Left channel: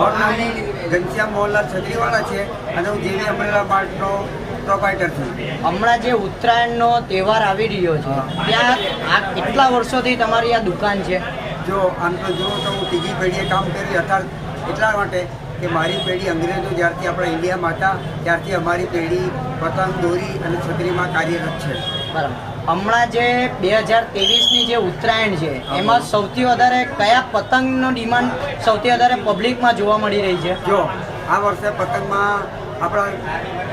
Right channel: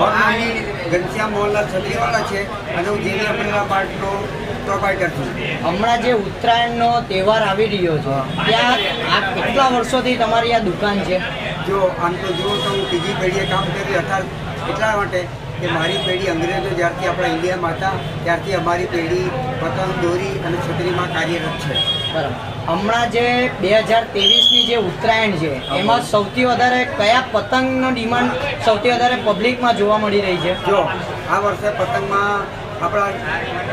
મારું નામ ઘનશ્યામ મોહનલાલ છત્રીવાળા છે અને હું જેવી અમરેલા માર્ટનો પ્રોપાઇટર છું. હમણાં જે ઉત્તરાયણનો તહેવાર આવી રહ્યો છે ત્યાં આ કેટલા વર્ષોથી તમારી આ દુકાન છે? જો આમ તો જુઓ તો હું ત્રીજી પેઢીએ કામ કર્યું હતા એટલા માટે કે મારી પેઢી અંગ્રેજો જ્યારથી આપણા ઇન્ડિયામાં હતા ત્યારથી અમારી પેઢી પતંગ દોરી અને છત્રીમાં કાર્યરત છે. બરાબર. હમણાં જે 2023ની જે ઉત્તરાયણ છે એમાં સૌથી વધારે કયા પતંગનો ડિમાન્ડ સૌથી વધારે પબ્લિકમાં જોવા મળી રહી છે? જો આ વર્ષે પતંગમાં આપણા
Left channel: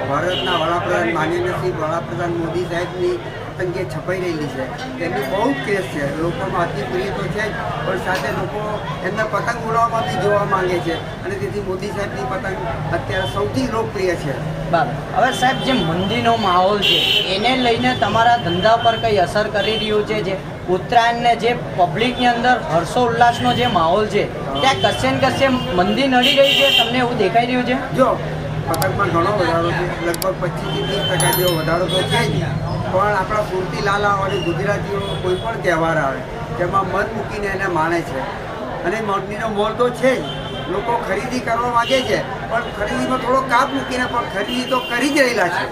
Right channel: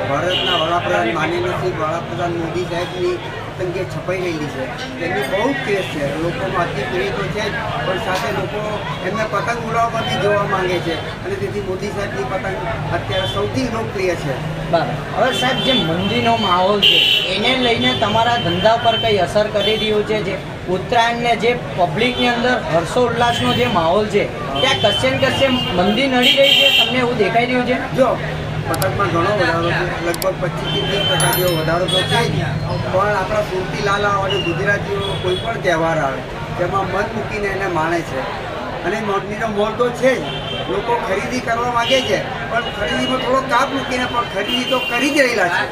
ભારતના વડાપ્રધાન માનનીય શ્રી વડાપ્રધાન મોદી સાહેબની પતંગે છપાઈ રહેલી છે. તેમની બહુ જ ક્રેઝ છે. લોકોમાં અતિ પ્રિય તો છે જ, પણ સાથે લોકો એમને પતંગ ઉડાવવામાંથી જોવા માંગે છે અને તેથી મોદી સાહેબની પતંગ અત્યારે સૌથી લોકપ્રિય છે. બરાબર. હવે સાહેબ જે મંદીનો માહોલ છે એને લઈને તમારા ધંધા પર કઈ અસર કરી રહ્યું છે? જે ઉત્તરાયણને જે પબ્લિકની અંદર હર્ષોલ્લાસનો જે માહોલ છે ત્યાં કશે ને કશે મંદી નડી રહી છે, તમને એવું દેખાઈ રહ્યું છે? જો પતંગમાં ઘણો વધારો છે, લગભગ 25% જેવો વધારો તો છે જ, પણ આપણા સુરતી લાલા અને ગુજરાતીઓ કોઈ પણ તહેવાર આવે તેમાં મન મૂકીને એને માણે છે અને મંદીનો મોલ તો છે જ. લોકો ખરીદી કરવા માગે છે પણ ખરીદીમાં થોડો કાપ મૂકીને પણ ખરીદી તો કરી જ રહેલા છે.